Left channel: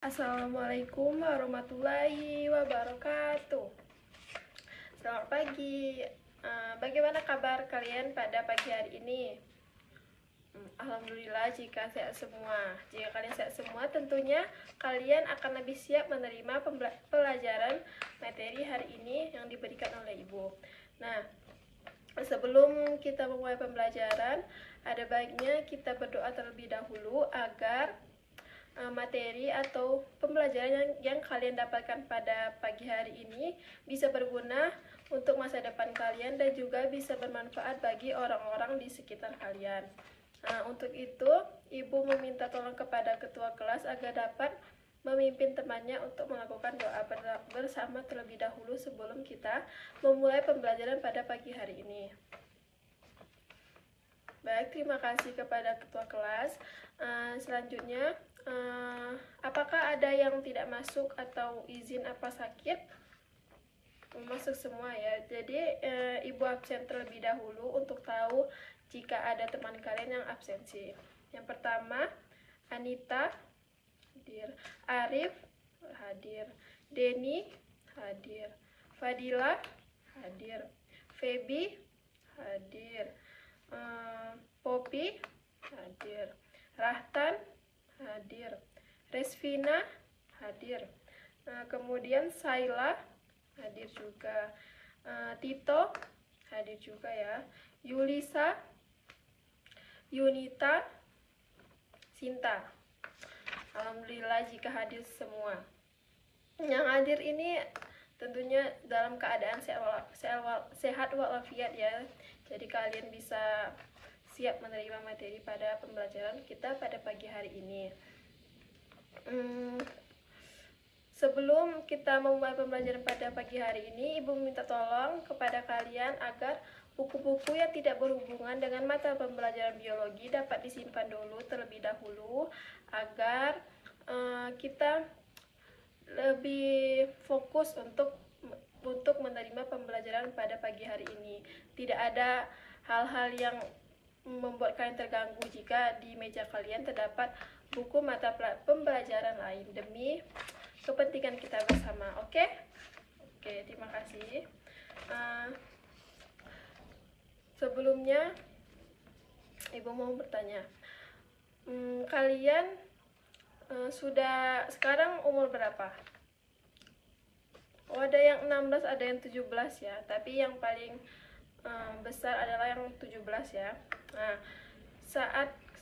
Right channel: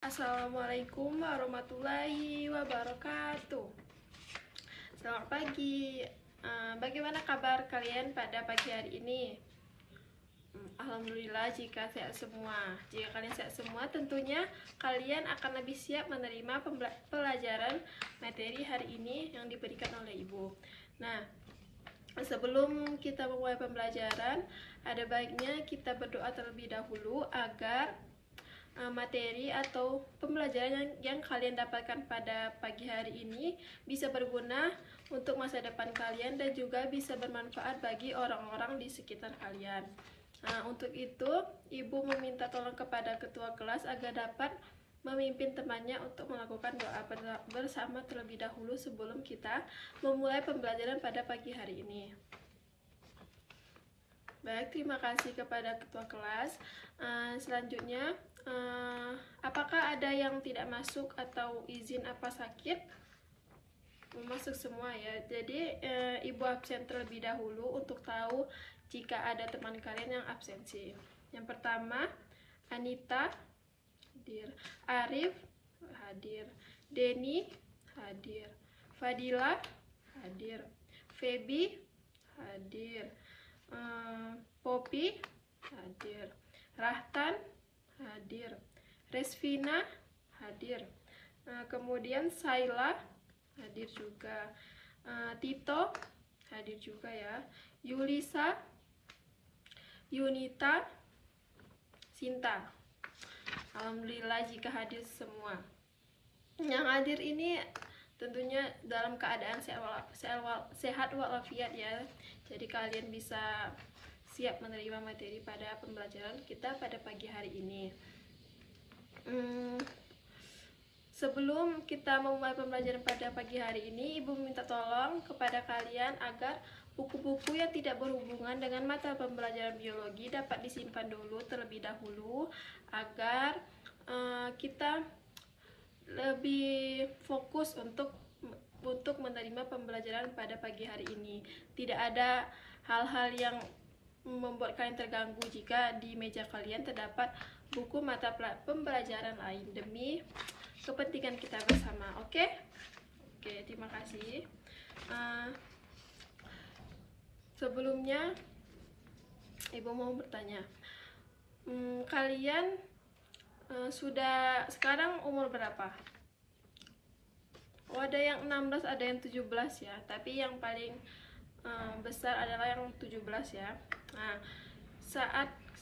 Assalamualaikum warahmatullahi wabarakatuh. Selamat pagi. Bagaimana kabar kalian pada pagi hari ini? Alhamdulillah jika sehat semua. Jika kalian sehat semua, tentunya kalian akan lebih siap menerima pelajaran materi hari ini yang diberikan oleh Ibu. Nah, sebelum kita memulai pembelajaran, ada baiknya kita berdoa terlebih dahulu agar materi atau pembelajaran yang kalian dapatkan pada pagi hari ini bisa berguna untuk masa depan kalian dan juga bisa bermanfaat bagi orang-orang di sekitar kalian. Nah, untuk itu Ibu meminta tolong kepada ketua kelas agar dapat memimpin temannya untuk melakukan doa bersama terlebih dahulu sebelum kita memulai pembelajaran pada pagi hari ini. Baik, terima kasih kepada ketua kelas. Selanjutnya, apakah ada yang tidak masuk atau izin apa sakit? Masuk semua ya. Jadi Ibu absen terlebih dahulu untuk tahu jika ada teman kalian yang absensi. Yang pertama, Anita hadir, Arif hadir, Denny hadir, Fadila hadir, Feby hadir, Poppy hadir, Rahtan hadir, Resvina hadir, kemudian Saila hadir juga, Tito hadir juga ya, Yulisa, Yunita, Sinta. Alhamdulillah jika hadir semua. Yang hadir ini tentunya dalam keadaan sehat walafiat ya. Jadi kalian bisa siap menerima materi pada pembelajaran kita pada pagi hari ini. Sebelum kita memulai pembelajaran pada pagi hari ini, Ibu minta tolong kepada kalian agar buku-buku yang tidak berhubungan dengan mata pembelajaran biologi dapat disimpan dulu terlebih dahulu agar kita lebih fokus untuk menerima pembelajaran pada pagi hari ini. Tidak ada hal-hal yang membuat kalian terganggu jika di meja kalian terdapat buku mata pembelajaran lain demi kepentingan kita bersama. Oke, terima kasih. Sebelumnya Ibu mau bertanya, kalian sudah sekarang umur berapa? Ada yang 16, ada yang 17 ya, tapi yang paling besar adalah yang 17 ya. Nah,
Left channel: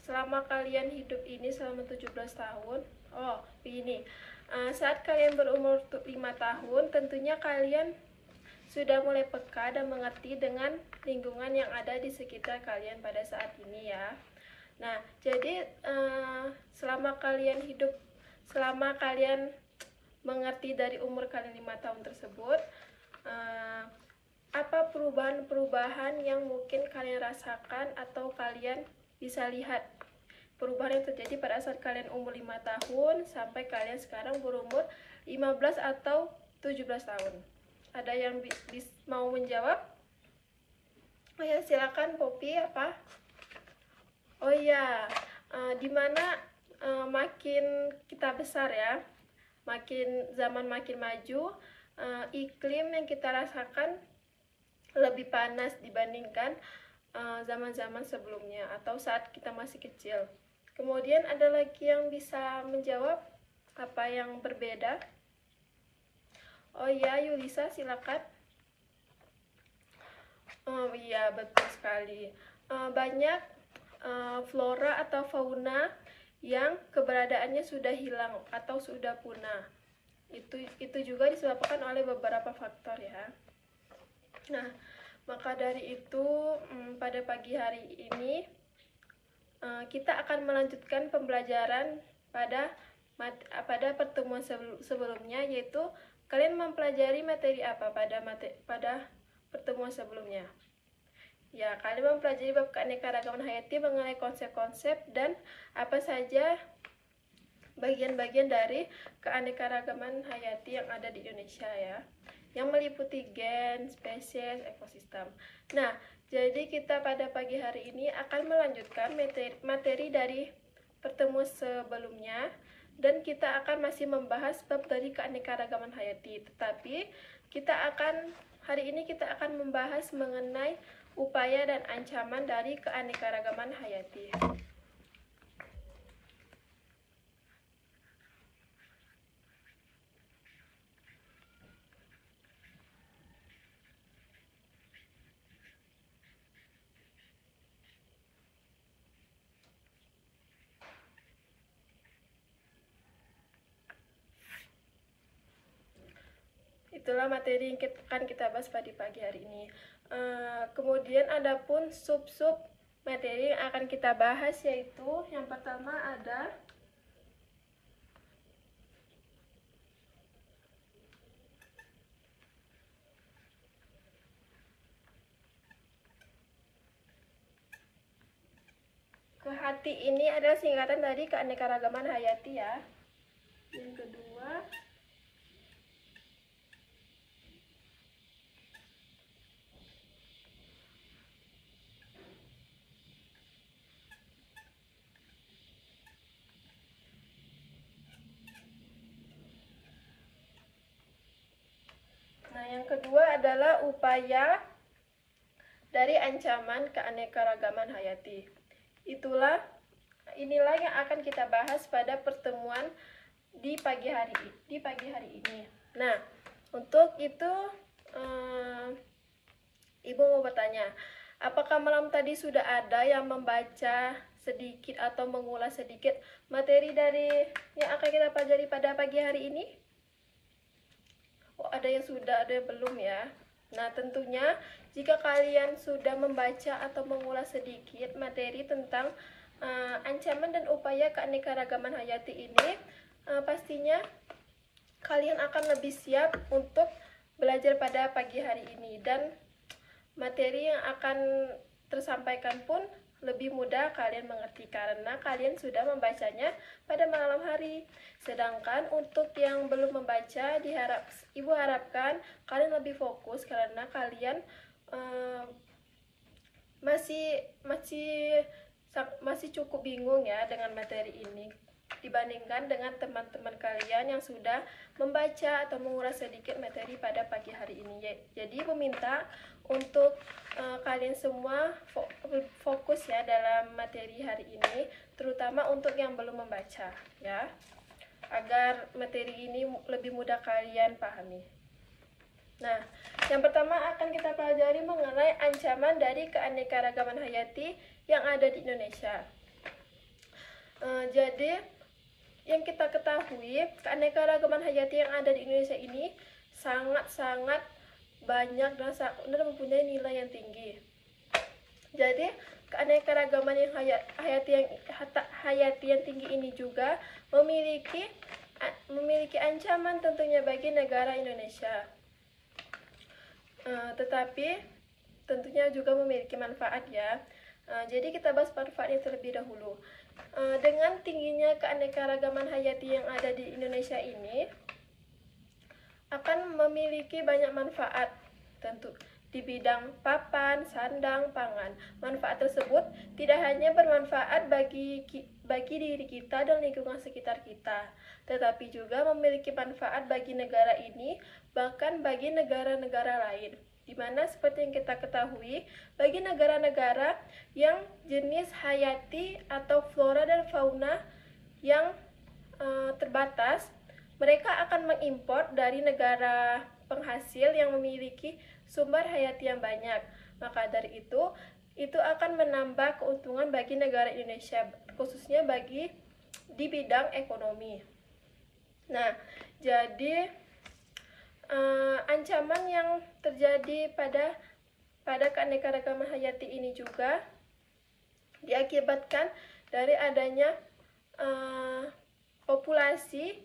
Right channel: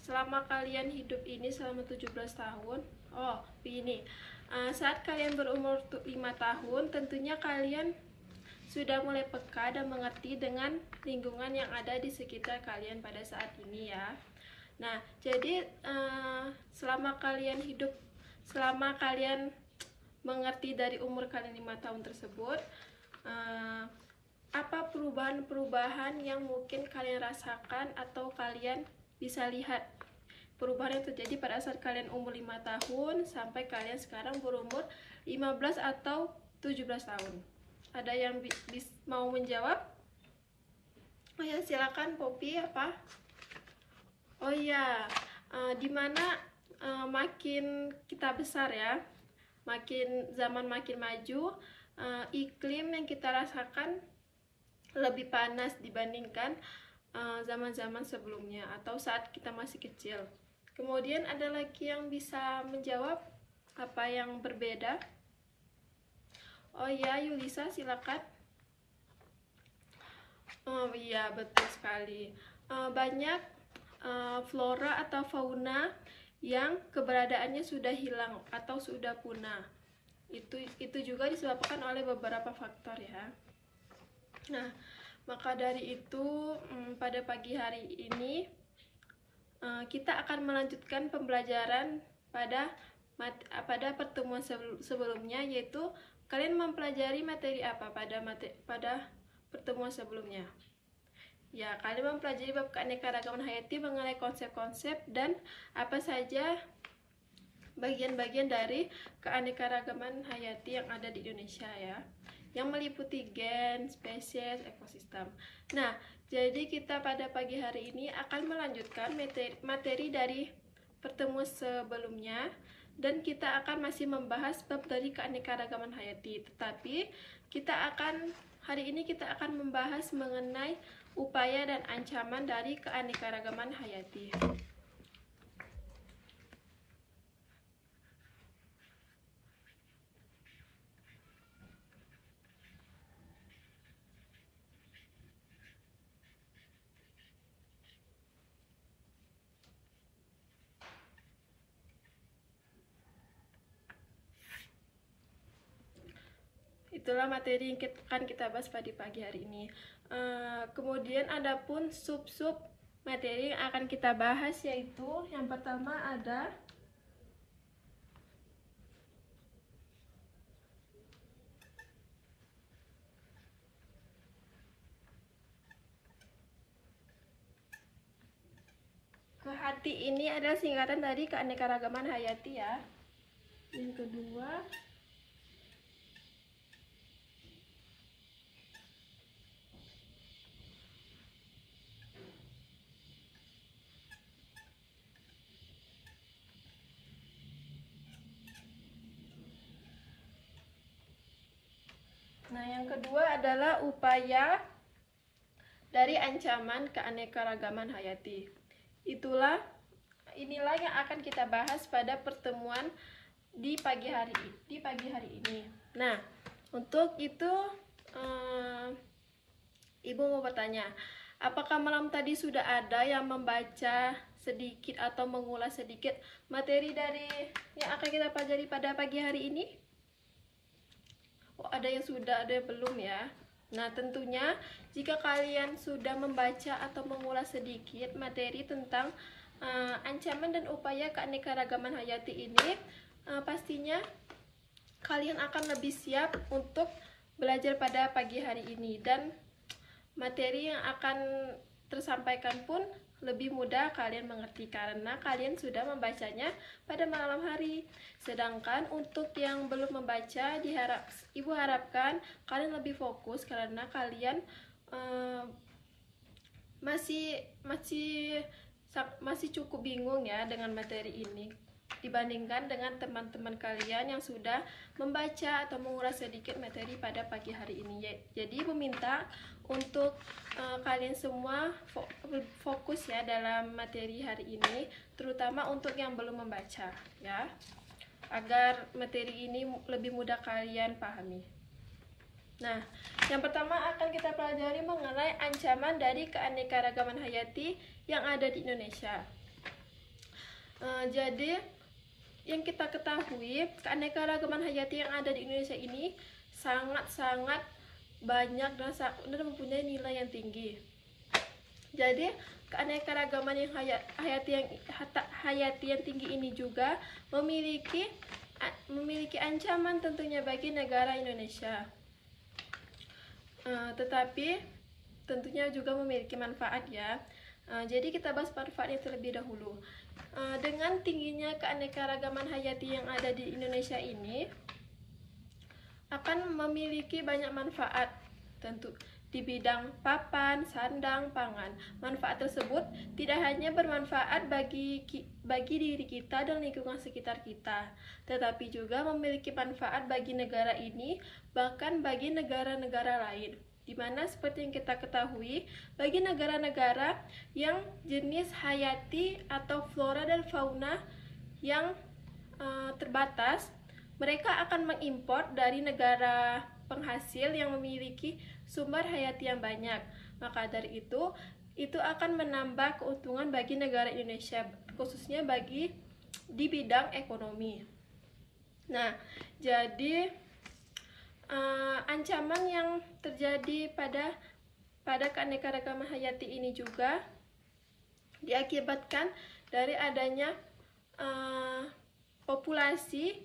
selama kalian hidup ini selama 17 tahun, begini, saat kalian berumur 5 tahun, tentunya kalian sudah mulai peka dan mengerti dengan lingkungan yang ada di sekitar kalian pada saat ini ya. Nah, jadi selama kalian mengerti dari umur kalian 5 tahun tersebut, apa perubahan-perubahan yang mungkin kalian rasakan atau kalian bisa lihat perubahan yang terjadi pada saat kalian umur 5 tahun sampai kalian sekarang berumur 15 atau 17 tahun? Ada yang mau menjawab? Oh ya, silakan Poppy. Apa? Oh ya, dimana makin kita besar ya, zaman makin maju, iklim yang kita rasakan lebih panas dibandingkan zaman-zaman sebelumnya atau saat kita masih kecil. Kemudian ada lagi yang bisa menjawab apa yang berbeda? Oh ya, Yulisa silakan. Oh iya, betul sekali. Banyak flora atau fauna yang keberadaannya sudah hilang atau sudah punah. Itu juga disebabkan oleh beberapa faktor ya. Nah, maka dari itu pada pagi hari ini kita akan melanjutkan pembelajaran pada pertemuan sebelumnya, yaitu kalian mempelajari materi apa pada pertemuan sebelumnya. Ya, kalian mempelajari bab keanekaragaman hayati mengenai konsep-konsep dan apa saja bagian-bagian dari keanekaragaman hayati yang ada di Indonesia ya, yang meliputi gen, spesies, ekosistem. Nah, jadi kita pada pagi hari ini akan melanjutkan materi dari pertemuan sebelumnya. dan kita akan masih membahas bab dari keanekaragaman hayati. Tetapi hari ini kita akan membahas mengenai upaya dan ancaman dari keanekaragaman hayati. Itulah materi yang akan kita bahas pada pagi hari ini. Kemudian ada pun sub-sub materi yang akan kita bahas, yaitu yang pertama ada KHATI. Ini adalah singkatan dari keanekaragaman hayati ya. Yang kedua adalah upaya dari ancaman keanekaragaman hayati. Inilah yang akan kita bahas pada pertemuan di pagi hari ini. Nah, untuk itu Ibu mau bertanya, apakah malam tadi sudah ada yang membaca sedikit atau mengulas sedikit materi dari yang akan kita pelajari pada pagi hari ini? Oh, ada yang sudah, ada yang belum ya. Nah, tentunya jika kalian sudah membaca atau mengulas sedikit materi tentang ancaman dan upaya keanekaragaman hayati ini, pastinya kalian akan lebih siap untuk belajar pada pagi hari ini, dan materi yang akan tersampaikan pun lebih mudah kalian mengerti karena kalian sudah membacanya pada malam hari. Sedangkan untuk yang belum membaca, Ibu harapkan kalian lebih fokus karena kalian masih cukup bingung ya dengan materi ini dibandingkan dengan teman-teman kalian yang sudah membaca atau mengulas sedikit materi pada pagi hari ini. Jadi Ibu minta untuk kalian semua fokus ya dalam materi hari ini, terutama untuk yang belum membaca ya, agar materi ini lebih mudah kalian pahami. Nah, yang pertama akan kita pelajari mengenai ancaman dari keanekaragaman hayati yang ada di Indonesia. Jadi yang kita ketahui, keanekaragaman hayati yang ada di Indonesia ini sangat-sangat banyak dan mempunyai nilai yang tinggi. Jadi keanekaragaman yang hayati yang tinggi ini juga memiliki ancaman tentunya bagi negara Indonesia. Tetapi tentunya juga memiliki manfaat ya. Jadi kita bahas manfaatnya terlebih dahulu. Dengan tingginya keanekaragaman hayati yang ada di Indonesia ini akan memiliki banyak manfaat tentu di bidang papan, sandang, pangan. Manfaat tersebut tidak hanya bermanfaat bagi diri kita dan lingkungan sekitar kita, tetapi juga memiliki manfaat bagi negara ini, bahkan bagi negara-negara lain. Di mana seperti yang kita ketahui, bagi negara-negara yang jenis hayati atau flora dan fauna yang terbatas, mereka akan mengimpor dari negara penghasil yang memiliki sumber hayati yang banyak. Maka dari itu akan menambah keuntungan bagi negara Indonesia, khususnya di bidang ekonomi. Nah, jadi ancaman yang terjadi pada keanekaragaman hayati ini juga diakibatkan dari adanya populasi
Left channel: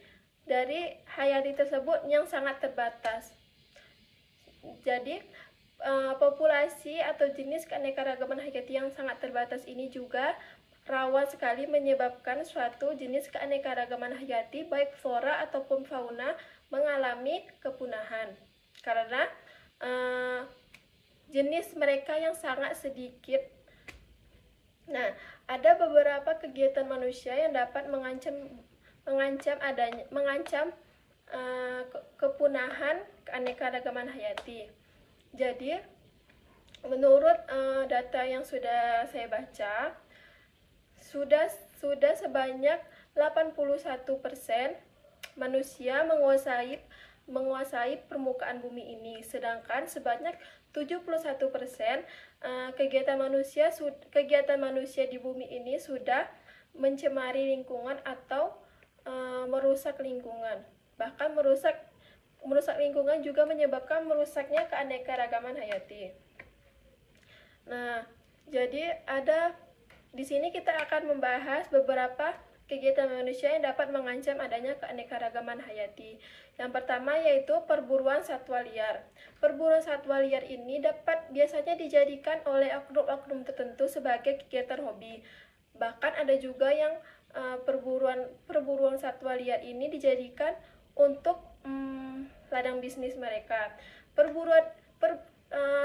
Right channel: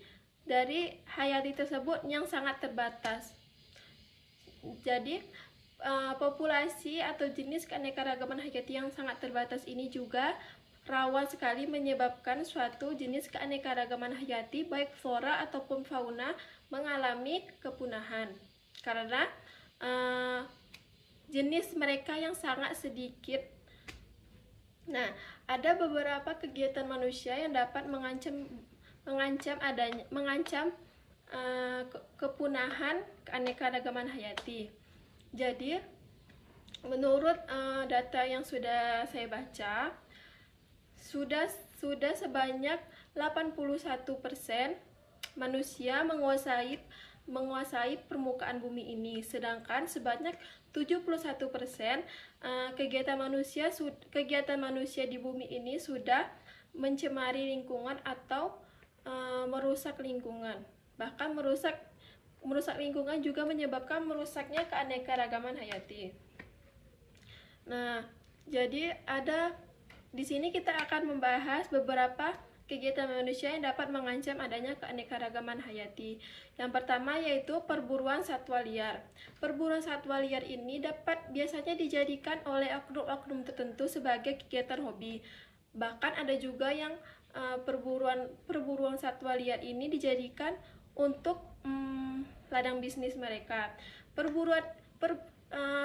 dari hayati tersebut yang sangat terbatas. Jadi populasi atau jenis keanekaragaman hayati yang sangat terbatas ini juga rawan sekali menyebabkan suatu jenis keanekaragaman hayati baik flora ataupun fauna mengalami kepunahan karena jenis mereka yang sangat sedikit. Nah, ada beberapa kegiatan manusia yang dapat mengancam mengancam kepunahan keanekaragaman hayati. Jadi menurut data yang sudah saya baca, sudah sebanyak 81% manusia menguasai permukaan bumi ini, sedangkan sebanyak 71% kegiatan manusia di bumi ini sudah mencemari lingkungan atau merusak lingkungan. Bahkan merusak lingkungan juga menyebabkan merusaknya keanekaragaman hayati. Nah, jadi di sini kita akan membahas beberapa kegiatan manusia yang dapat mengancam adanya keanekaragaman hayati. Yang pertama yaitu perburuan satwa liar. Perburuan satwa liar ini biasanya dijadikan oleh oknum-oknum tertentu sebagai kegiatan hobi. Bahkan ada juga yang perburuan satwa liar ini dijadikan untuk ladang bisnis mereka.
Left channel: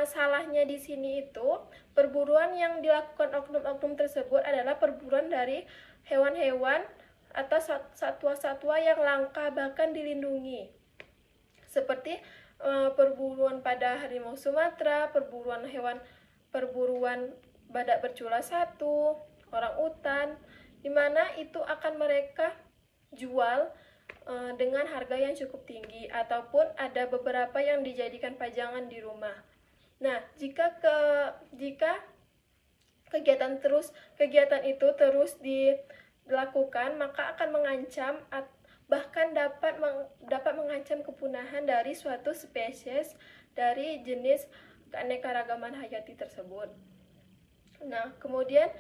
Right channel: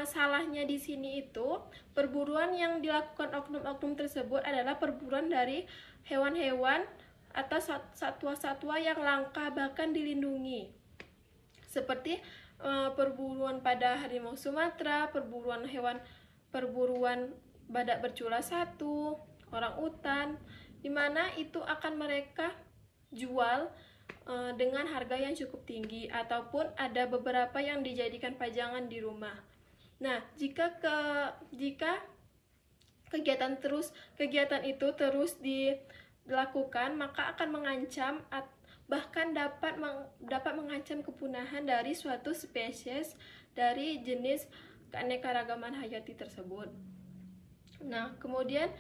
Salahnya di sini itu perburuan yang dilakukan oknum-oknum tersebut adalah perburuan dari hewan-hewan atau satwa-satwa yang langka bahkan dilindungi, seperti perburuan pada harimau Sumatera, perburuan badak bercula 1, orangutan, di mana itu akan mereka jual dengan harga yang cukup tinggi, ataupun ada beberapa yang dijadikan pajangan di rumah. Nah, jika kegiatan itu terus dilakukan, maka akan mengancam bahkan dapat mengancam kepunahan dari suatu spesies dari jenis keanekaragaman hayati tersebut. Nah, kemudian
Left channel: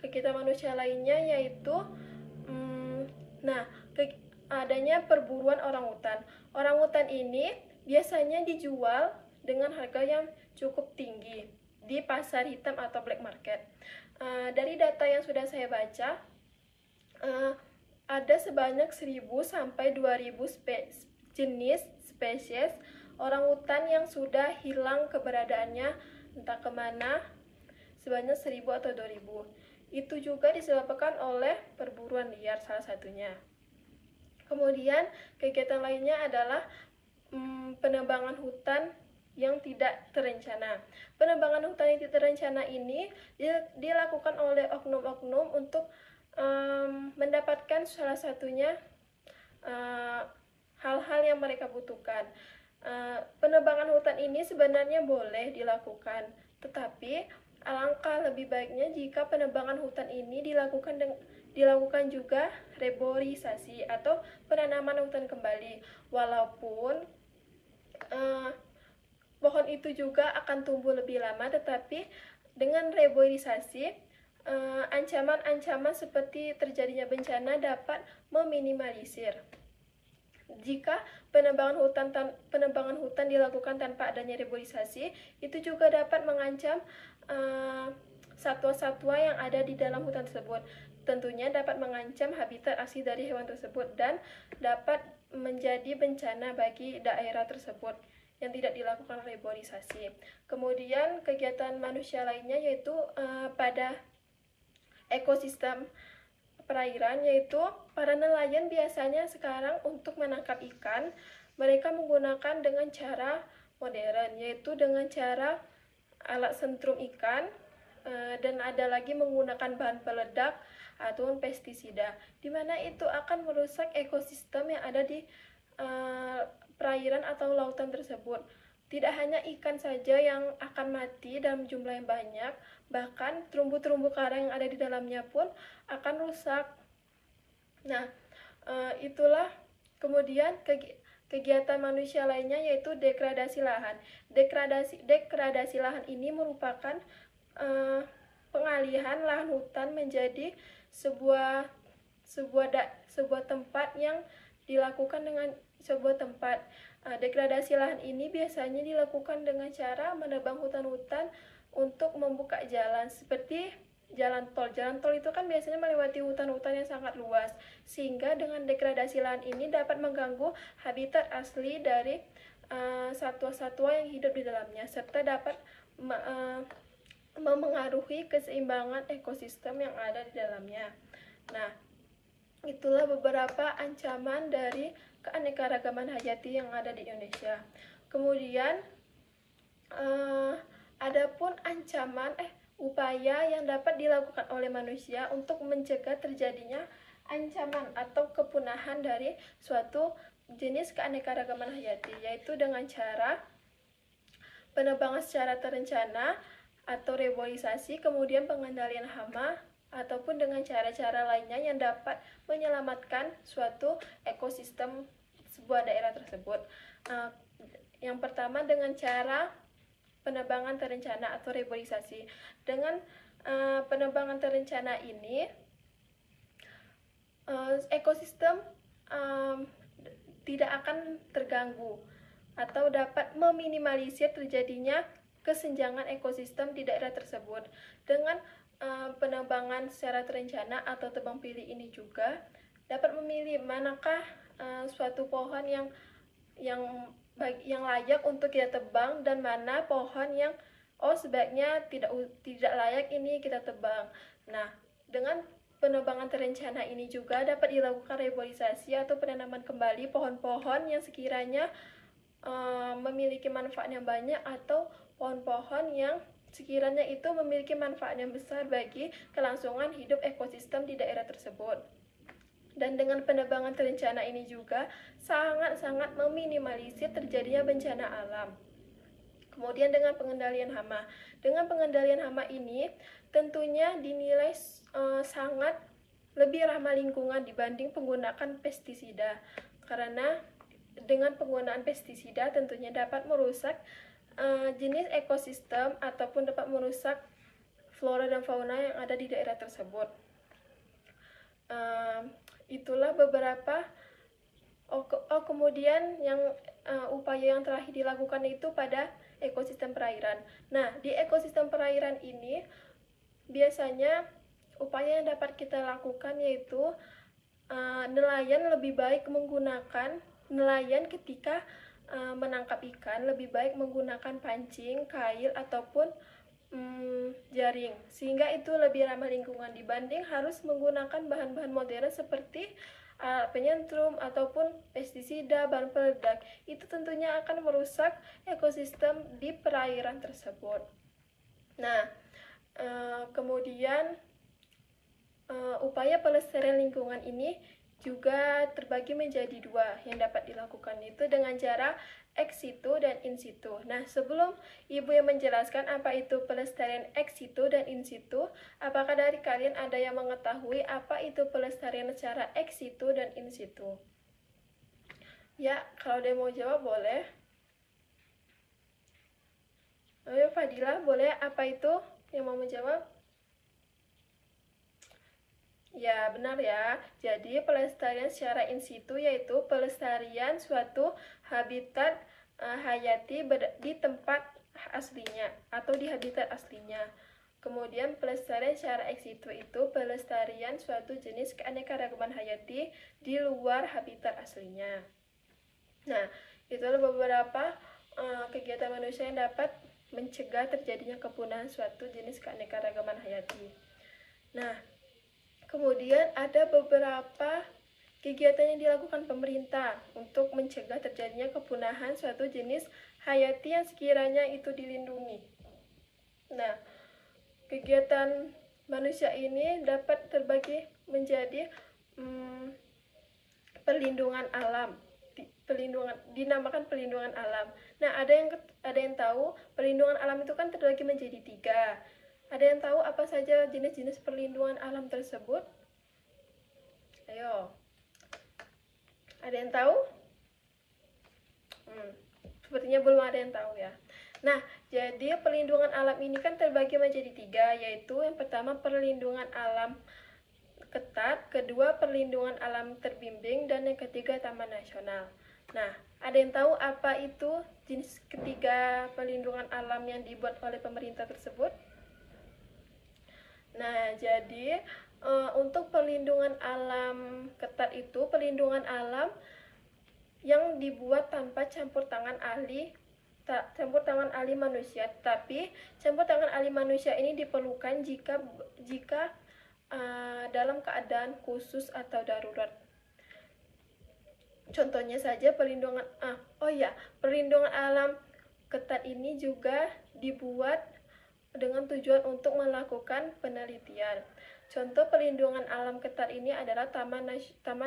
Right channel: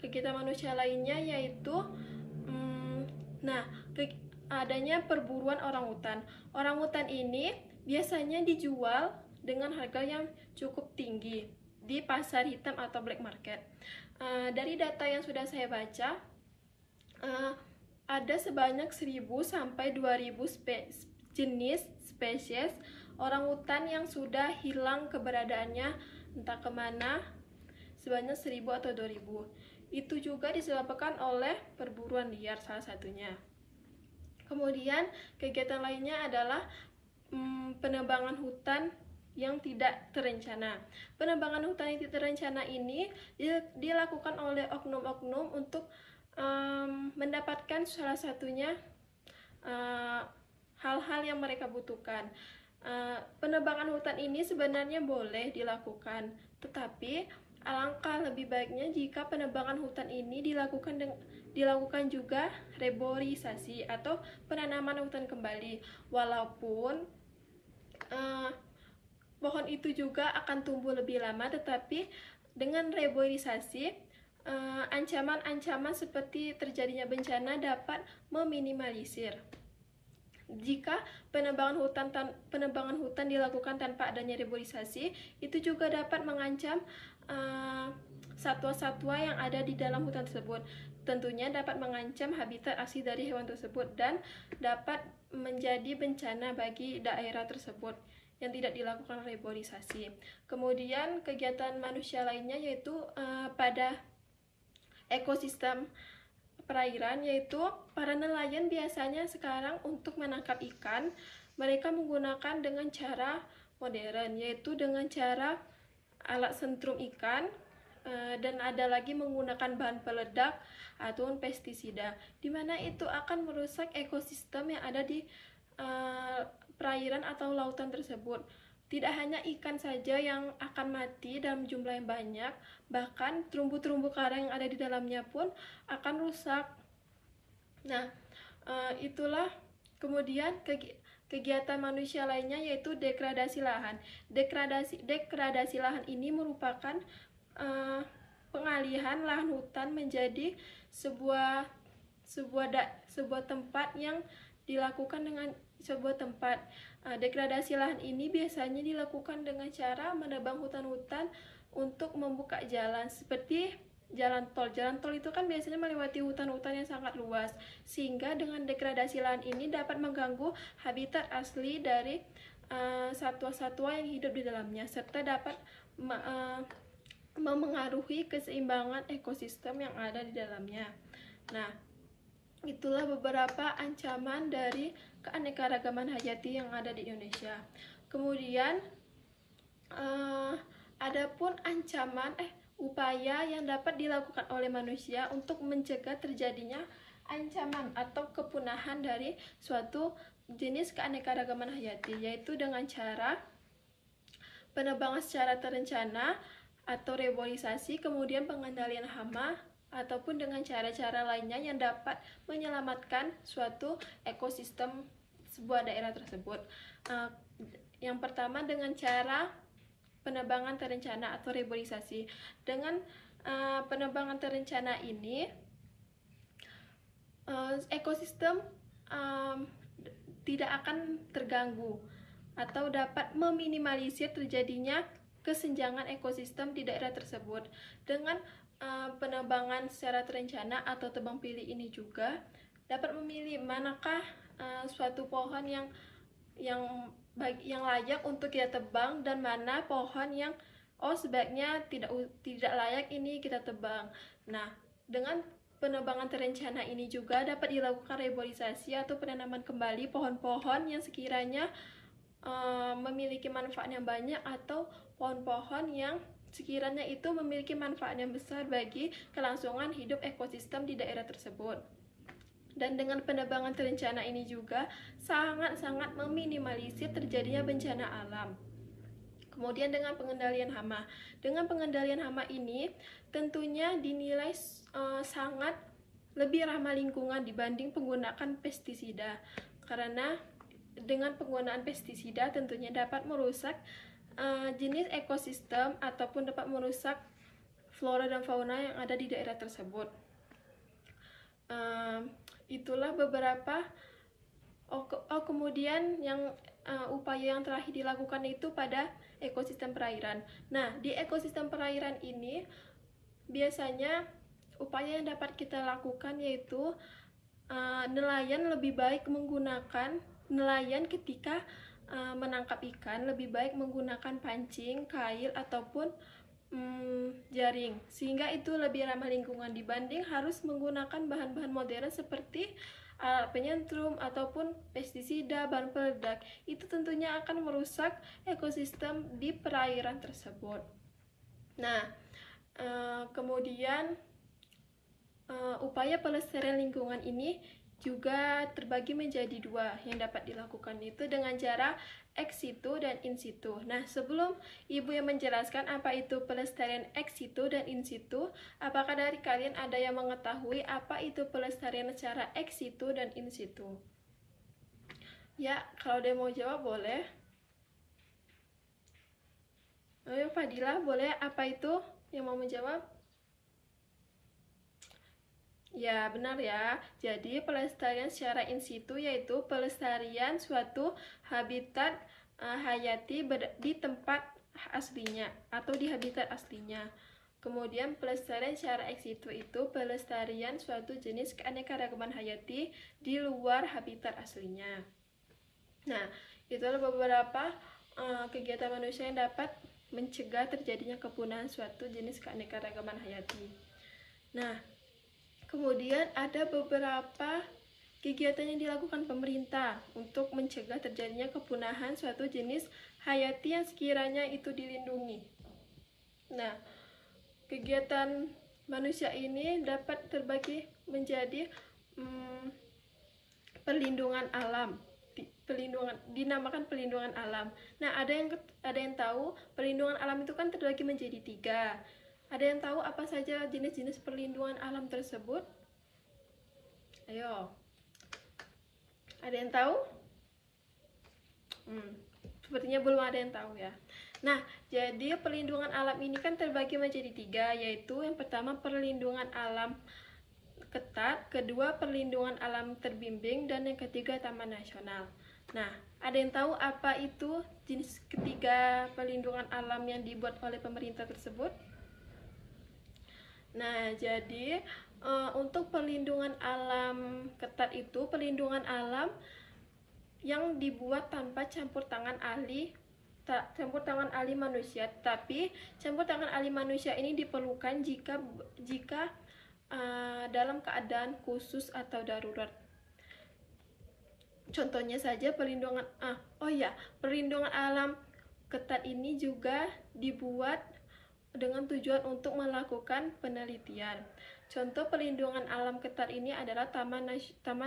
kegiatan manusia lainnya yaitu adanya perburuan orangutan. Orangutan ini biasanya dijual dengan harga yang cukup tinggi di pasar hitam atau black market. Dari data yang sudah saya baca, ada sebanyak 1.000 sampai 2.000 jenis spesies orangutan yang sudah hilang keberadaannya entah kemana, sebanyak 1.000 atau 2.000. Itu juga disebabkan oleh perburuan liar salah satunya. Kemudian kegiatan lainnya adalah penebangan hutan yang tidak terencana. Penebangan hutan yang tidak terencana ini dilakukan oleh oknum-oknum untuk mendapatkan salah satunya hal-hal yang mereka butuhkan. Penebangan hutan ini sebenarnya boleh dilakukan, tetapi alangkah lebih baiknya jika penebangan hutan ini dilakukan juga reboisasi atau penanaman hutan kembali. Walaupun pohon itu juga akan tumbuh lebih lama, tetapi dengan reboisasi ancaman-ancaman seperti terjadinya bencana dapat meminimalisir. Jika penebangan hutan dilakukan tanpa adanya reboisasi, itu juga dapat mengancam satwa-satwa yang ada di dalam hutan tersebut. Tentunya dapat mengancam habitat asli dari hewan tersebut dan dapat menjadi bencana bagi daerah tersebut yang tidak dilakukan reboisasi. Kemudian kegiatan manusia lainnya yaitu pada ekosistem perairan, yaitu para nelayan biasanya sekarang untuk menangkap ikan mereka menggunakan dengan cara modern, yaitu dengan cara alat sentrum ikan, dan ada lagi menggunakan bahan peledak atau pestisida, di mana itu akan merusak ekosistem yang ada di perairan atau lautan tersebut. Tidak hanya ikan saja yang akan mati dalam jumlah yang banyak, bahkan terumbu-terumbu karang yang ada di dalamnya pun akan rusak. Nah, itulah kemudian kegiatan manusia lainnya yaitu degradasi lahan. Degradasi lahan ini merupakan pengalihan lahan hutan menjadi sebuah tempat yang dilakukan dengan sebuah tempat. Degradasi lahan ini biasanya dilakukan dengan cara menebang hutan-hutan untuk membuka jalan, seperti jalan tol. Jalan tol itu kan biasanya melewati hutan-hutan yang sangat luas, sehingga dengan degradasi lahan ini dapat mengganggu habitat asli dari satwa-satwa yang hidup di dalamnya, serta dapat memengaruhi keseimbangan ekosistem yang ada di dalamnya. Nah, itulah beberapa ancaman dari keanekaragaman hayati yang ada di Indonesia. Kemudian adapun upaya yang dapat dilakukan oleh manusia untuk mencegah terjadinya ancaman atau kepunahan dari suatu jenis keanekaragaman hayati, yaitu dengan cara penebangan secara terencana atau reboisasi, kemudian pengendalian hama, ataupun dengan cara-cara lainnya yang dapat menyelamatkan suatu ekosistem sebuah daerah tersebut. Yang pertama dengan cara penebangan terencana atau reboisasi. Dengan penebangan terencana ini, ekosistem tidak akan terganggu atau dapat meminimalisir terjadinya kesenjangan ekosistem di daerah tersebut. Dengan penebangan secara terencana atau tebang pilih ini juga dapat memilih manakah suatu pohon yang layak untuk kita tebang dan mana pohon yang sebaiknya tidak layak ini kita tebang. Nah, dengan penebangan terencana ini juga dapat dilakukan reboisasi atau penanaman kembali pohon-pohon yang sekiranya memiliki manfaat yang banyak atau pohon-pohon yang sekiranya itu memiliki manfaat yang besar bagi kelangsungan hidup ekosistem di daerah tersebut. Dan dengan penebangan terencana ini juga sangat-sangat meminimalisir terjadinya bencana alam. Kemudian dengan pengendalian hama. Dengan pengendalian hama ini tentunya dinilai sangat lebih ramah lingkungan dibanding penggunaan pestisida. Karena dengan penggunaan pestisida tentunya dapat merusak jenis ekosistem ataupun dapat merusak flora dan fauna yang ada di daerah tersebut. Itulah beberapa kemudian yang upaya yang terakhir dilakukan itu pada ekosistem perairan. Nah, di ekosistem perairan ini biasanya upaya yang dapat kita lakukan yaitu nelayan lebih baik menggunakan nelayan ketika menangkap ikan lebih baik menggunakan pancing, kail ataupun jaring, sehingga itu lebih ramah lingkungan dibanding harus menggunakan bahan-bahan modern seperti penyentrum ataupun pestisida, bahan peledak. Itu tentunya akan merusak ekosistem di perairan tersebut. Nah, kemudian upaya pelestarian lingkungan ini juga terbagi menjadi dua yang dapat dilakukan, itu dengan cara ex situ dan in situ. Nah, sebelum Ibu yang menjelaskan apa itu pelestarian ex situ dan in situ, apakah dari kalian ada yang mengetahui apa itu pelestarian secara ex situ dan in situ? Ya, kalau ada yang mau jawab boleh. Ayo Fadila, boleh apa itu yang mau menjawab? Ya, benar ya. Jadi, pelestarian secara in situ yaitu pelestarian suatu habitat hayati di tempat aslinya atau di habitat aslinya. Kemudian, pelestarian secara ex situ itu pelestarian suatu jenis keanekaragaman hayati di luar habitat aslinya. Nah, itulah beberapa kegiatan manusia yang dapat mencegah terjadinya kepunahan suatu jenis keanekaragaman hayati. Nah, kemudian ada beberapa kegiatan yang dilakukan pemerintah untuk mencegah terjadinya kepunahan suatu jenis hayati yang sekiranya itu dilindungi. Nah, kegiatan manusia ini dapat terbagi menjadi perlindungan alam. Dinamakan perlindungan alam. Nah, ada yang tahu perlindungan alam itu kan terbagi menjadi 3. Ada yang tahu apa saja jenis-jenis perlindungan alam tersebut? Ayo. Ada yang tahu? Sepertinya belum ada yang tahu ya. Nah, jadi perlindungan alam ini kan terbagi menjadi 3, yaitu yang pertama perlindungan alam ketat, kedua perlindungan alam terbimbing, dan yang ketiga taman nasional. Nah, ada yang tahu apa itu jenis ketiga perlindungan alam yang dibuat oleh pemerintah tersebut? Nah, jadi untuk perlindungan alam ketat itu perlindungan alam yang dibuat tanpa campur tangan ahli manusia. Tapi campur tangan ahli manusia ini diperlukan jika dalam keadaan khusus atau darurat. Contohnya saja perlindungan perlindungan alam ketat ini juga dibuat dengan tujuan untuk melakukan penelitian. Contoh perlindungan alam ketat ini adalah Taman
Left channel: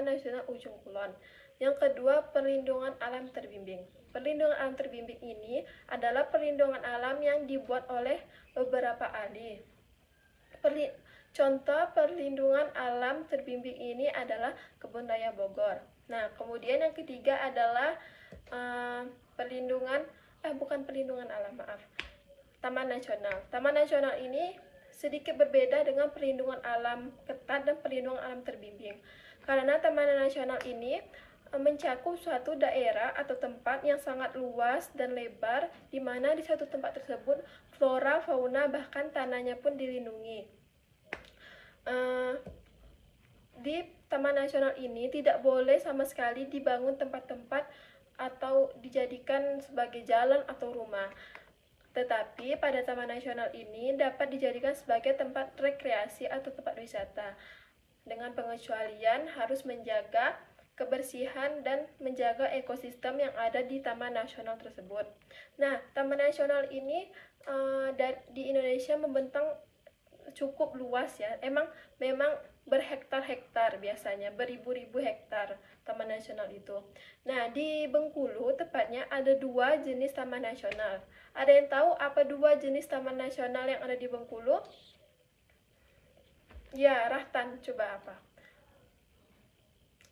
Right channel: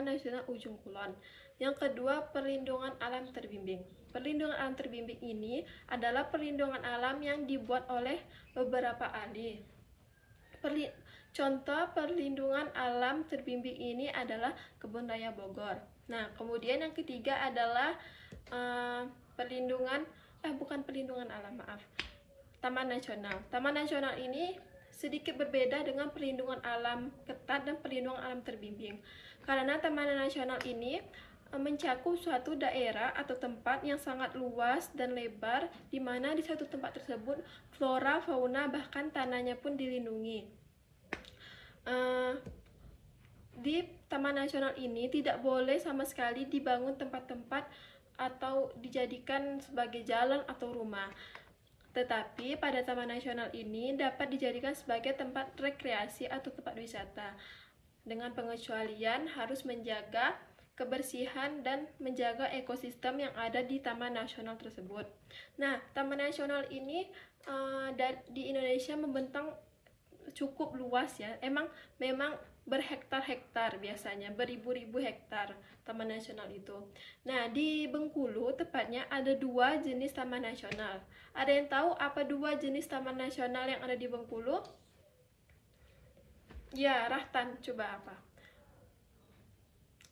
Nasional Ujung Kulon. Yang kedua, perlindungan alam terbimbing. Perlindungan alam terbimbing ini adalah perlindungan alam yang dibuat oleh beberapa ahli. Contoh perlindungan alam terbimbing ini adalah Kebun Raya Bogor. Nah, kemudian yang ketiga adalah Taman Nasional. Taman Nasional ini sedikit berbeda dengan perlindungan alam ketat dan perlindungan alam terbimbing. Karena Taman Nasional ini mencakup suatu daerah atau tempat yang sangat luas dan lebar, di mana di satu tempat tersebut flora, fauna, bahkan tanahnya pun dilindungi. Di Taman Nasional ini tidak boleh sama sekali dibangun tempat-tempat atau dijadikan sebagai jalan atau rumah. Tetapi pada Taman Nasional ini dapat dijadikan sebagai tempat rekreasi atau tempat wisata. Dengan pengecualian harus menjaga kebersihan dan menjaga ekosistem yang ada di Taman Nasional tersebut. Nah, Taman Nasional ini di Indonesia membentang cukup luas ya. Memang berhektar-hektar, biasanya beribu-ribu hektar Taman Nasional itu. Nah, di Bengkulu tepatnya ada 2 jenis Taman Nasional. Ada yang tahu apa 2 jenis Taman Nasional yang ada di Bengkulu? Ya, Rahtan, coba apa?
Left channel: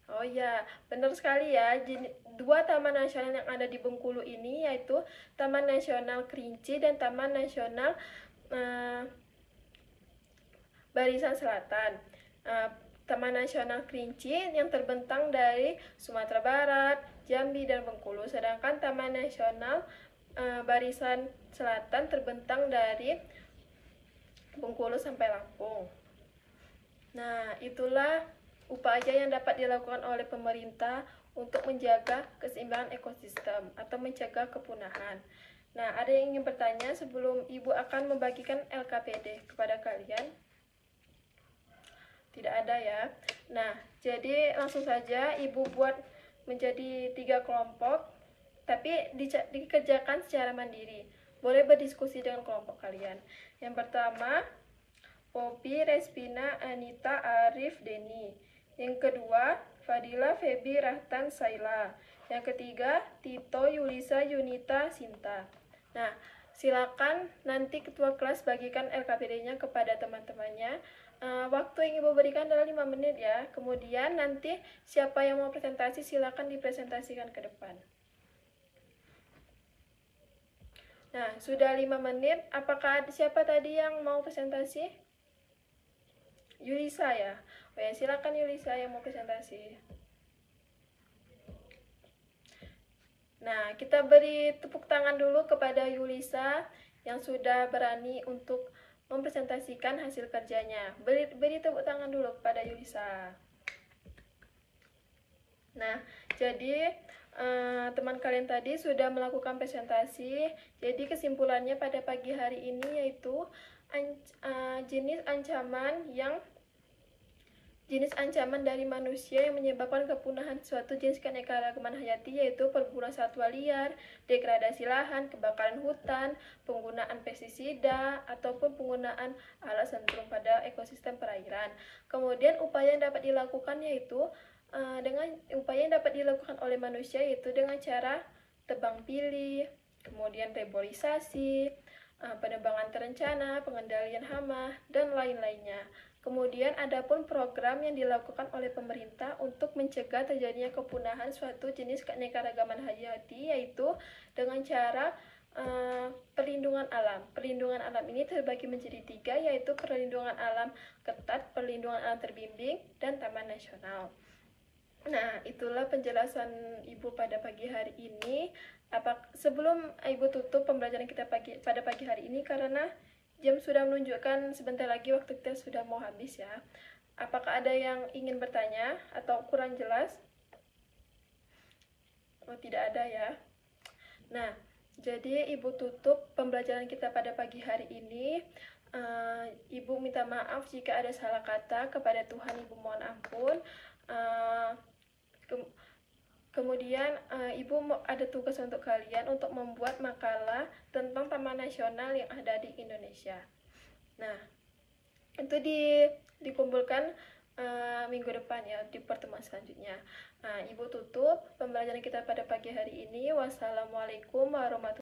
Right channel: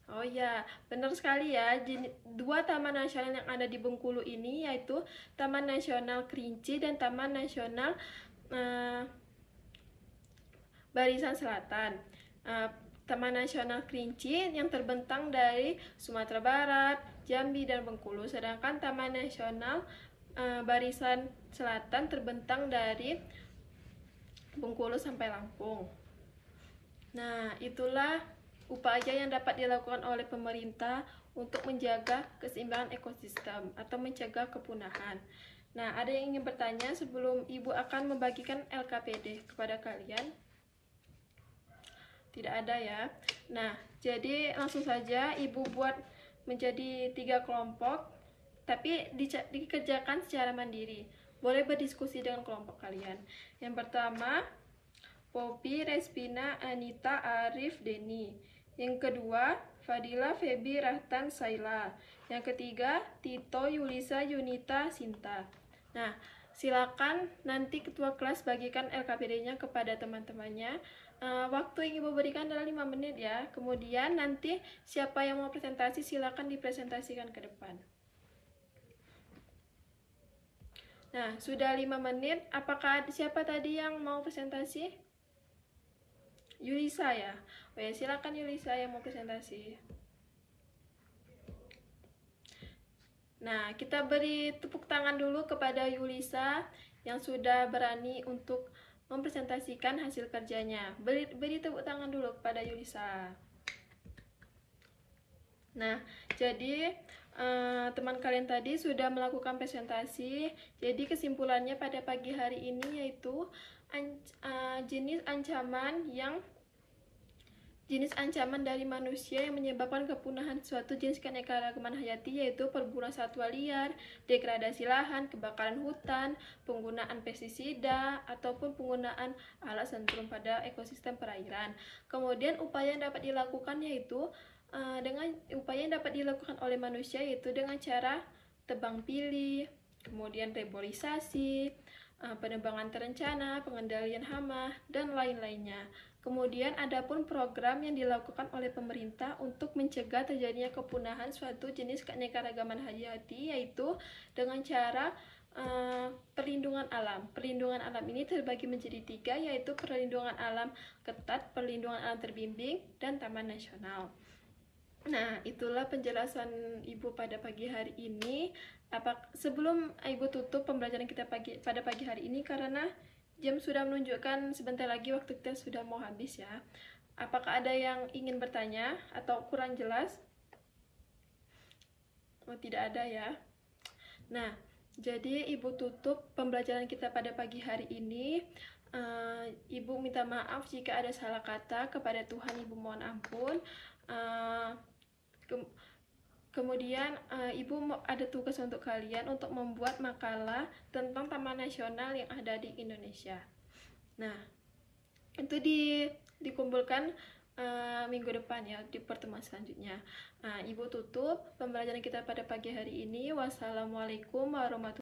Oh ya, benar sekali ya. 2 taman nasional yang ada di Bengkulu ini yaitu Taman Nasional Kerinci dan Taman Nasional Barisan Selatan. Taman Nasional Kerinci yang terbentang dari Sumatera Barat, Jambi, dan Bengkulu. Sedangkan Taman Nasional Barisan Selatan terbentang dari Bengkulu sampai Lampung. Nah, itulah upaya yang dapat dilakukan oleh pemerintah untuk menjaga keseimbangan ekosistem atau mencegah kepunahan. Nah, ada yang ingin bertanya sebelum Ibu akan membagikan LKPD kepada kalian? Tidak ada ya. Nah, jadi langsung saja Ibu buat menjadi 3 kelompok, tapi dikerjakan secara mandiri. Boleh berdiskusi dengan kelompok kalian. Yang pertama, Poppy, Respina, Anita, Arif, Denny. Yang kedua, Fadila, Feby, Rahtan, Saila. Yang ketiga, Tito, Yulisa, Yunita, Sinta. Nah, silakan nanti ketua kelas bagikan LKPD-nya kepada teman-temannya. Waktu yang Ibu berikan adalah 5 menit ya. Kemudian nanti siapa yang mau presentasi silakan dipresentasikan ke depan. Nah, sudah 5 menit. Apakah siapa tadi yang mau presentasi? Yulisa ya. Oke, silakan Yulisa yang mau presentasi. Nah, kita beri tepuk tangan dulu kepada Yulisa yang sudah berani untuk mempresentasikan hasil kerjanya. Beri tepuk tangan dulu kepada Yulisa. Nah, jadi teman kalian tadi sudah melakukan presentasi. Jadi kesimpulannya pada pagi hari ini yaitu jenis ancaman dari manusia yang menyebabkan kepunahan suatu jenis keanekaragaman hayati, yaitu perburuan satwa liar, degradasi lahan, kebakaran hutan, penggunaan pestisida, ataupun penggunaan alat sentrum pada ekosistem perairan. Kemudian upaya yang dapat dilakukan yaitu upaya yang dapat dilakukan oleh manusia yaitu dengan cara tebang pilih, kemudian reboisasi, penebangan terencana, pengendalian hama, dan lain-lainnya. Kemudian adapun program yang dilakukan oleh pemerintah untuk mencegah terjadinya kepunahan suatu jenis keanekaragaman hayati yaitu dengan cara perlindungan alam. Perlindungan alam ini terbagi menjadi 3 yaitu perlindungan alam ketat, perlindungan alam terbimbing, dan taman nasional. Nah, itulah penjelasan Ibu pada pagi hari ini. Sebelum Ibu tutup pembelajaran kita pada pagi hari ini karena jam sudah menunjukkan sebentar lagi waktu kita sudah mau habis ya. Apakah ada yang ingin bertanya atau kurang jelas? Oh, tidak ada ya. Nah, jadi Ibu tutup pembelajaran kita pada pagi hari ini. Ibu minta maaf jika ada salah kata, kepada Tuhan Ibu mohon ampun. Kemudian Ibu ada tugas untuk kalian untuk membuat makalah tentang Taman Nasional yang ada di Indonesia. Nah, itu dikumpulkan minggu depan ya, di pertemuan selanjutnya. Ibu tutup pembelajaran kita pada pagi hari ini. Wassalamualaikum warahmatullahi wabarakatuh.